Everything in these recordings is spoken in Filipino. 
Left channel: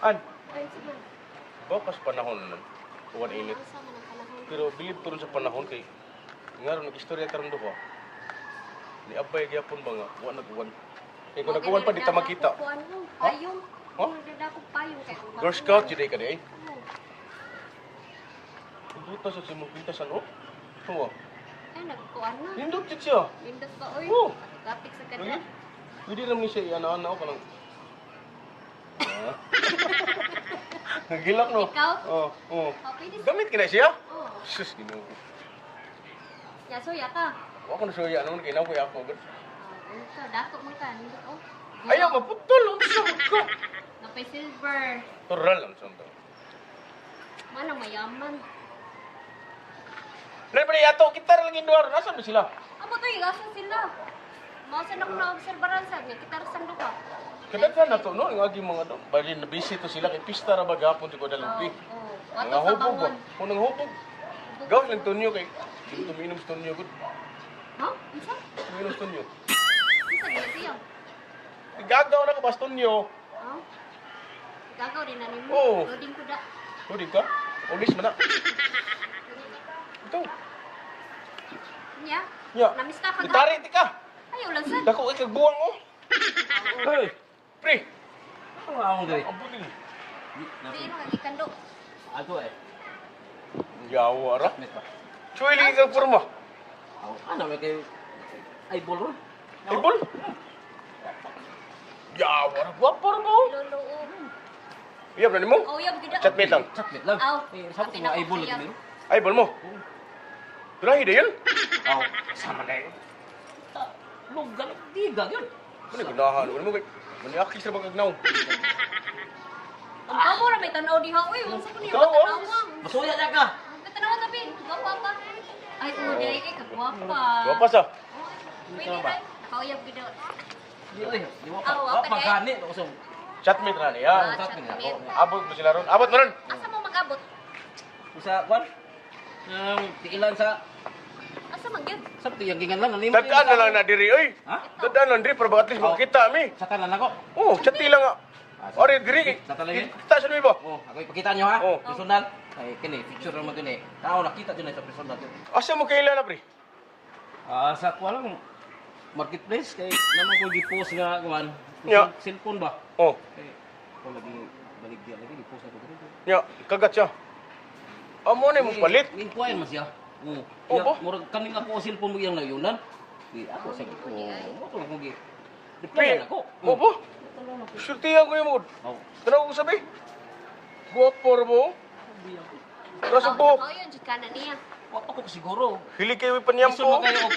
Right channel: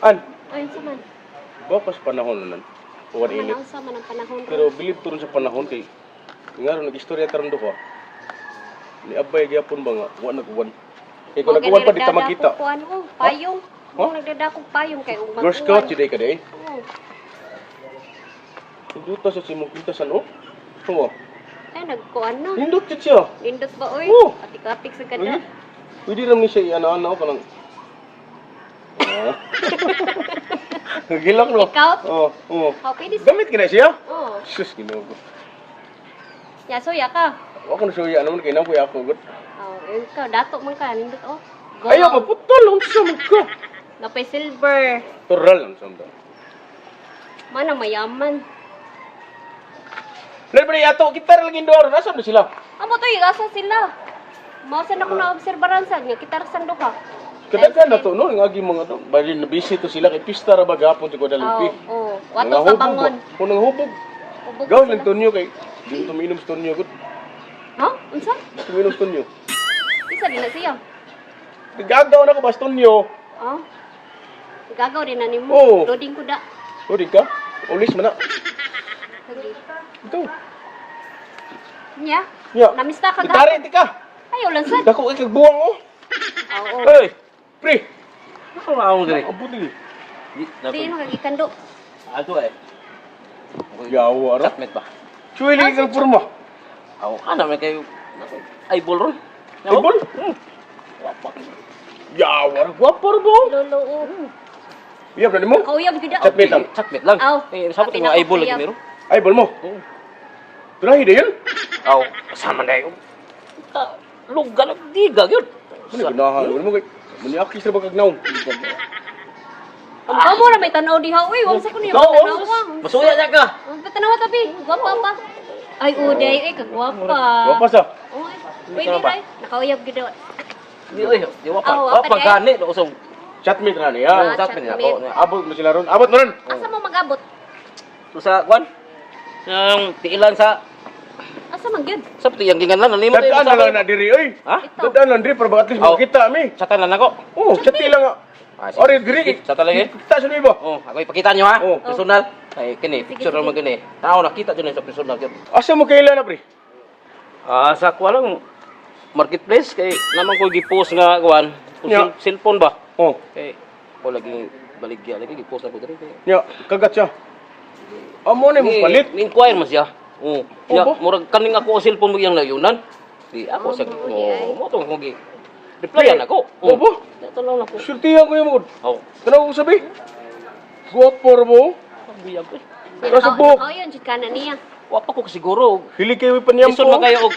An, Ay, sa man. bakas panahon na nan. Uwan init. Manang sa man ang panahon. Pero bilib to rin sa panahon kay nga ron nag-istorya taron duha. Ni abay gyapon ba nga wa nagwan. Kay kung nagwan pa di ta makita. Payong. Ha? Kung nagdadakog payong kay ug Girl Scout jud ka day. Oo. Duta sa simong pintasan oh. Tuwa. Ay, nagkuan na. Hindot jud siya. Lindot ba, oy? Oo. Atik-atik sa Lagi. kada. Pwede ram ni siya ana-ana pa lang. Gilak no. Ikaw? Oo, oo. Oh, pwede sa... Gamit kina siya? Oo. Sus Ginoo ko. Ya, suya ka. Ako na suya naman kay nang kuya ako gud. Oh, ikaw, dato man ka. Lindot, oh. Go. Ayaw maputol unsa man ka. Napay silver. Tural lang samda. Mana mayaman. Lain pa yato kita ra lagi duha nasa na sila. Amo to, asa sila. Mausan ako na obserbaran sa nga kita rasan duha. Kadaghan na to no ngagi mga to. Bali na busy to sila kay pista ra bagapon ko dalampi. Oo. Wato ka bangon. Kunang hubog. Hubog Gaw sila. lang tunyo kay di to minom sa tunyo gud. Ha? Unsa? Tuminom sa tunyo. Isa din na siya. Gagaw na ko bas tunyo. Oh. Gagaw din na nimo. Oo. Loading ko da. O di ka? Ulis man na. Lagi. Ito. Nya? Ya. Namista ka Itari ti ka. Ayaw lang sad. Dako kay kagbuwang oh. Oo. Hoy. Pre. Ako na ako diri. Abot ni. Di no kagikando. Ato eh. Yawa ra. Chatmate ba? Suwi lagi kang porma. Ako kana may kayo. Eyeball ron. Eyeball? Wapak. Yawa ra. Gwapor mo. Lolo. Iya ba mo? Kauyab gid. Chatmate lang. Chatmate lang. Aw. Eh, sabi Pati ko na eyeball ako lagi meron. Eyeball mo. Oo. Turahi da yun. Aw, kasama na yun. Luga lang, diga yun. Mani ganahan. Mani mo kay. Mani akis ra ba kagnaw. Ang kamo ra may tanaw diha. Uy, wala sa ko niya Ikaw, tanawa. masuya niya ka. Ang tanawa tapi. Gwapa pa. Ay, uday. Ay, kagwapa. Gwapa sa. Oy. Pwede ray. Nakauyab gid. Di oy, di wapa. Aw, wapa Wapa din. gani, usog. Chatmate na Ah, niya. Chatmate na chatmate. ako. Abot mo sila ron. Abot mo ron. Asa mo mag-abot? So sa kwan, ang tiilan sa Asa man gyud? sa tiyang gingan lang nimo. Dadaan na lang na diri oy. Ha? Ito. Dadaan lang diri para baka at least Aw. makita mi. Chatan lang ako. Oh, chati lang nga. Ah, sige. Ori diri. Sa talaga eh. Kita sa ba? Oh, ako ipakita niyo ha. Oh. Personal. Ay kini, Sige, picture sige. mo gani. Tao nakita jud sa personal gyud. Asa mo kailan na pre? Ah, sa kuha lang marketplace kay naman ko gi-post nga kuan. Yeah. Cellphone ba? Oh, Kay ko lagi baligya lagi gi-post ako diri. nya kagat siya. Amo ni mo palit. Inquire man siya. Oh. Oh, Ya, ba? murag kaning ako ang cellphone mo yang layunan. Di ako Oh, sa mao di ay. mo tong ko gi. Replyan ako. Oh, ba? Tolong ako. Sultihan ko yung mo. Oh. Kanang ko sabi? Guwapor mo. Buyag ko. Kaso po. Nakauyab jud kana niya. Wa pa ko siguro. Hili kayo paniyam Isun po. man kayo og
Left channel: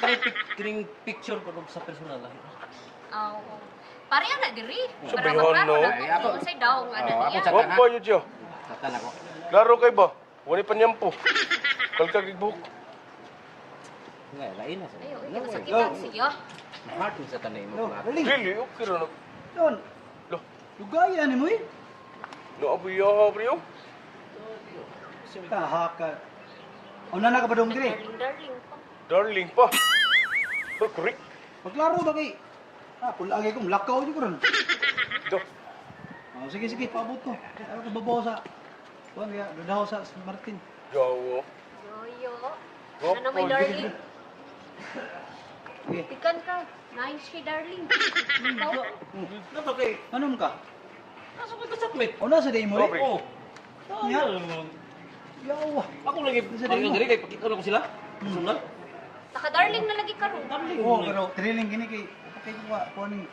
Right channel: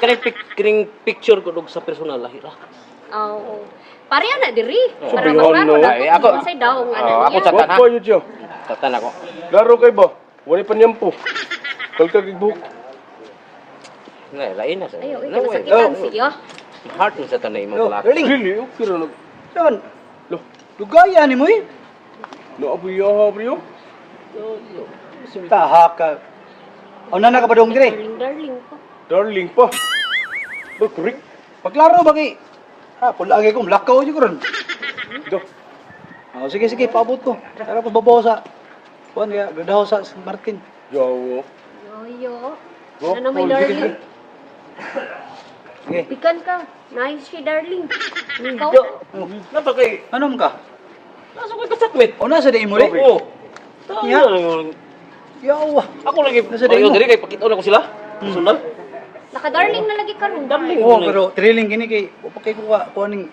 kining picture ko dog sa personal lahira. Oo. Pareha na diri. Para Sabihan, maklaro no? na Ay, ako- kung say daw nga Oh, ako niya. chat- Guwapo yun siya. Tatan ako. Laro kayo ba? Wala paniyam po. Kalkal kibuk. Lain na sa. Ayo, ikaw nasakitan siya. Heart ni sa tanay mo pala. Hili, okay ra. Don, Lo, lugaya ni mo eh. naabuya bro. Taha ka. O na nakapadong dire. Darling, darling pa. Darling pa. Ba, kurik. Paglaro ba kay? Ha, pulagi ko, lakaw yun ko ron. Do. O, sige, sige, paabot ko. Tara ko babaw sa... Kuhan kaya, gadaw sa San Martin. Yawo. Yoyo. Oh, Ano na may oh, darling? Sige. Pikan ka. Nice si darling. Ikaw. Napa kay Anong ka? nasa ko ka-chatmate. O, nasa di mo rin? Oh. Ya. Yawa. Ako lagi Nasa payo dayo mo. diri kay pakita na ko sila. Personal. Naka-darling na lagi karon. Darling. Oo, pero thrilling gini kay... O, pakay ko ka, kuhan ng...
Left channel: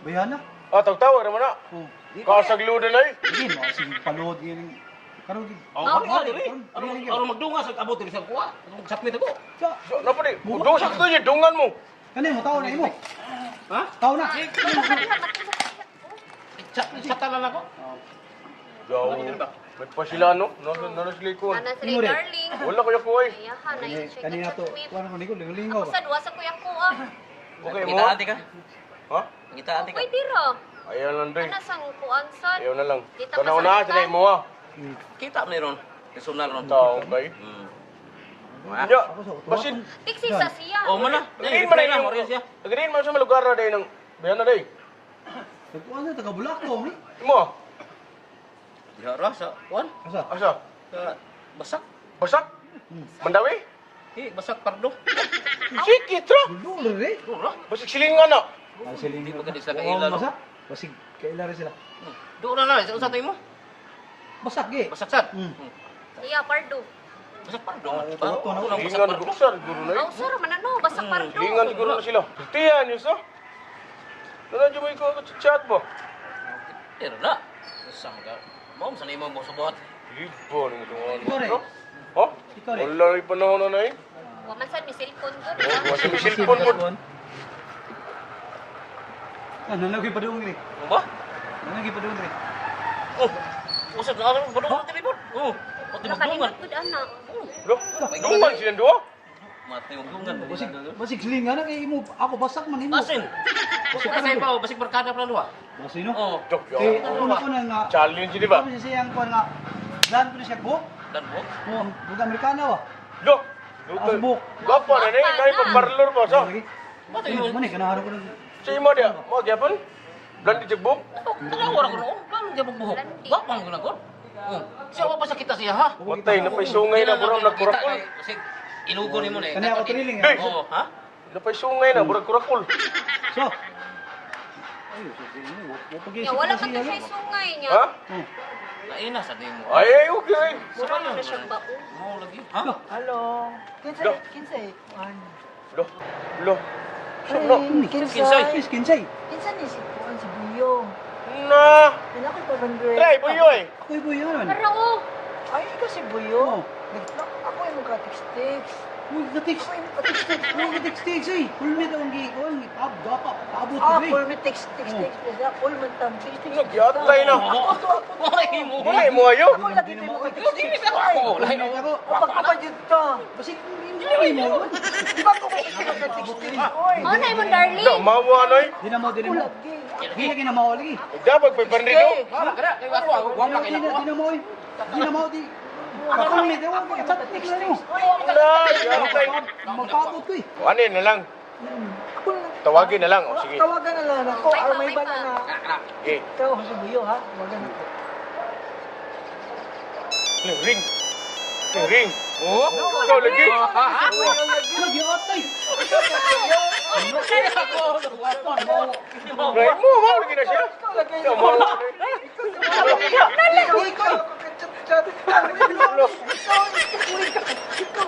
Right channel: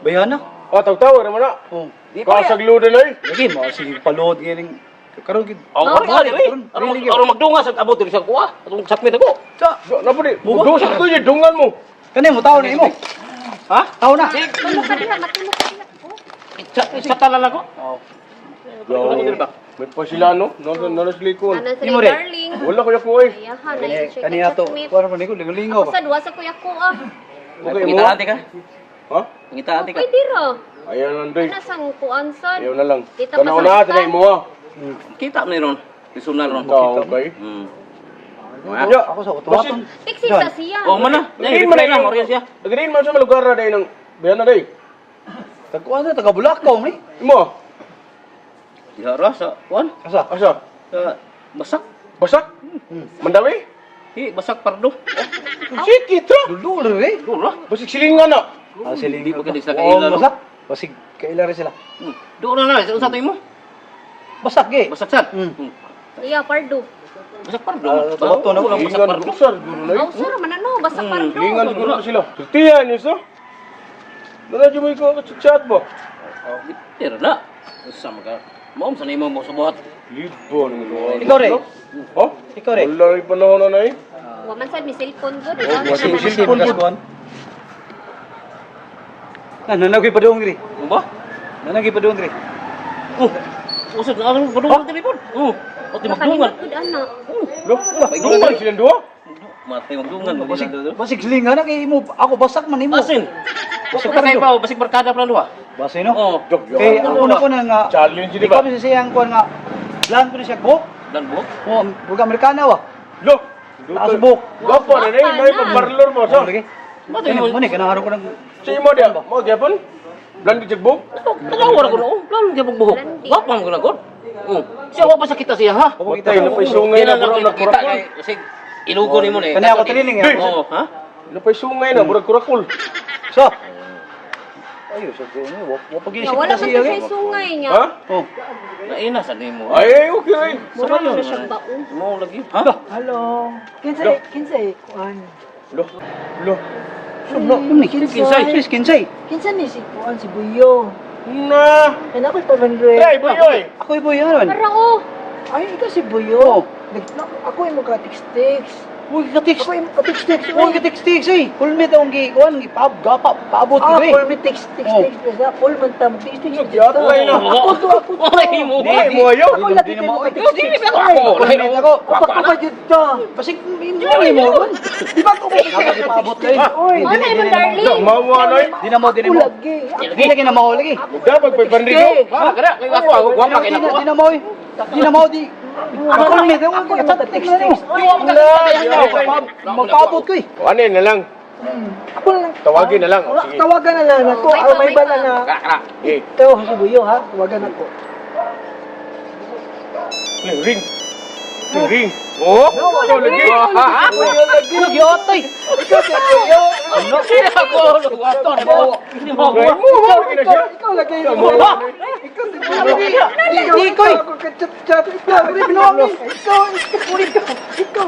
Bayana? Ah, tawag naman na. O. Di pa ya. Kasagludan ay. Lagi mo, sige, palood gini. Karoon gid. Oh, Oh, ari diri. karon, really, Aron magdunga sa abot diri sa kuha. Atong chatmate ako. Sa, Do, napa di? Buwa. Do, sa tuyo, dungan mo. kani mo, tao na imo. Ha? Tao na. Tulog ka diha, matulog ka diha. Oh. Chatan lang ako. O. Yawo. May pa sila no? Nasa likon. Ana sa Imo rin. darling. Wala ko yako eh. Ayahan, nice siya Kaniya to, chatmate. kuhan mo niko, lingaw Ako ba? sa duwa sa kuya ko ah. Okay, mo. Ngita ate ka. Ha? Ngita ate ka. Pwede ra. Ayaw lang day. Ana sang kuan sad. Ayaw na lang. Dito Kana pa sa una, lipan. tinay mo ah. Kita mo ni ron. Personal ron. Ikaw, okay? Hmm. Ya. Ako sa utuwaton. Fixi sa siya. Oh, mana? Nagdiin Reply man na mo riyan siya. Nagdiin man sa mga lugar na day ng bayan na day. Tagkuhan na, taga Bulacau ni. Imo. Dihara sa kuan, Asa? Asa? sa basak. Basak? Mandawi? Basak pardo. Sikit ha? Dulo rin. Dura. Basig silingan na. Siling. Di ba ka di sila Oo, kaila, no? basak. Basig kaila rin sila. Dura na, sa usatay mo. Basak eh. Basak sad. Iya, pardo. Basak pardo. bato na. Basak Silingan pardo. buksar. Guro na Oh, sir, manano, basta pardo. Silingan guro na sila. Sutihan yun sa. Nanadyo mo ikaw chat ba? Pero na. Sama ka. Mom, sanay mo sa buhat. Libon. Ikaw rin. Oh? Ikaw rin. Wala rin panahon na eh. Waman sad, may cellphone good. wasig Ano na cellphone. siya? Pun. Nanagay pa doon giri. Ano ba? Nanagay pa doon giri. Usap na ako padungan sa telepon. Pati magdungan. Nakalimot good, anak. Lo, duman silang dua. Matay magdungan. Basig silingan na kay imo. Ako basak man imo. Asin. Basig pa kayo pa, basig barkada pa lang duha. Basi no? Oo. Jok, Kay yun. ako na ko na nga. Challenge di Ikaw ba? sa siyang kuan nga. Lan ko na siya buhok. Dan buhok. Oh, buga Amerikana wa. Lo, Taas buhok. Gwapo na eh. May pagparlor mo sa. Lagi. Matay mo. Mo ni kanaharo ko nang Si mo dia, mo gyapon? Blandi jagbok? Tagawar ko na. Plan dia buhok. Wapang ko na god. Siya wa pa sa kita siya ha. Matay na pa'y sungay na burang kita nagkurakul. kay basig ilugo nimo ni. Kani ako tilining ya. Oo, ha? Na pa'y sungay na burang kurakul. So. Ayo sa ko ni wa pag Ya, wala man to siya sungay niya. Ha? Oh. Naina sa nimo. Ay, okay rin. Mura na siya baon. Mo lagi. Ha? Halo. Kinsay kuan. Lo, lo. Ano ni kinsay? Kinsay. Kinsa ni si kuan si Buyo. Na. Kana ko pa Andre. Ay, boy. Ako ibo yaron. Para oh. Ay ikaw si Buyo. Ako imo ka text. Uy ka-text. Ako imo ka text. Uy ka-text eh. Full meet ang gi kuan gi paabot Ah, ko full eh. me text. Oh. Sa full man tam text. Yatay na. Ako to. Ay mo. Ay, mo ayo. Ako lagi Di na mo- mo ka text. Dili ba ako? Lahi Ako. Ako pa jud to. Basig hindi mo. Di ba ko mo Paabot ko eh. Oy, Ano mo, darling? Lo, mawa na eh. Di na mo ako lagi. Di lagi na mo lagi. Dapat pa'y panrigo. Ha, kada kay ako wa pa kay nako. Di na mo eh. Di na mo di. Ako meet ang ko ka text. Magpaabot ko eh. Ano na lang. Ako na lang. Tawagin na lang. O, sige. Tawagan na lang ako. May bala na. Kada. Eh, Ikaw si Buyo ha. Tawagan ako. ring. Ring. Oh, ikaw lagi. Lagi otoy. Ano siya ako? Waton mo. Hindi mo ako. Ray mo, lagi na siya. Ikaw lagi. Ikaw si Buyo. Di ko eh. Ako ka-chat. Ikaw. Binuwang mo. Ikaw. Ikaw.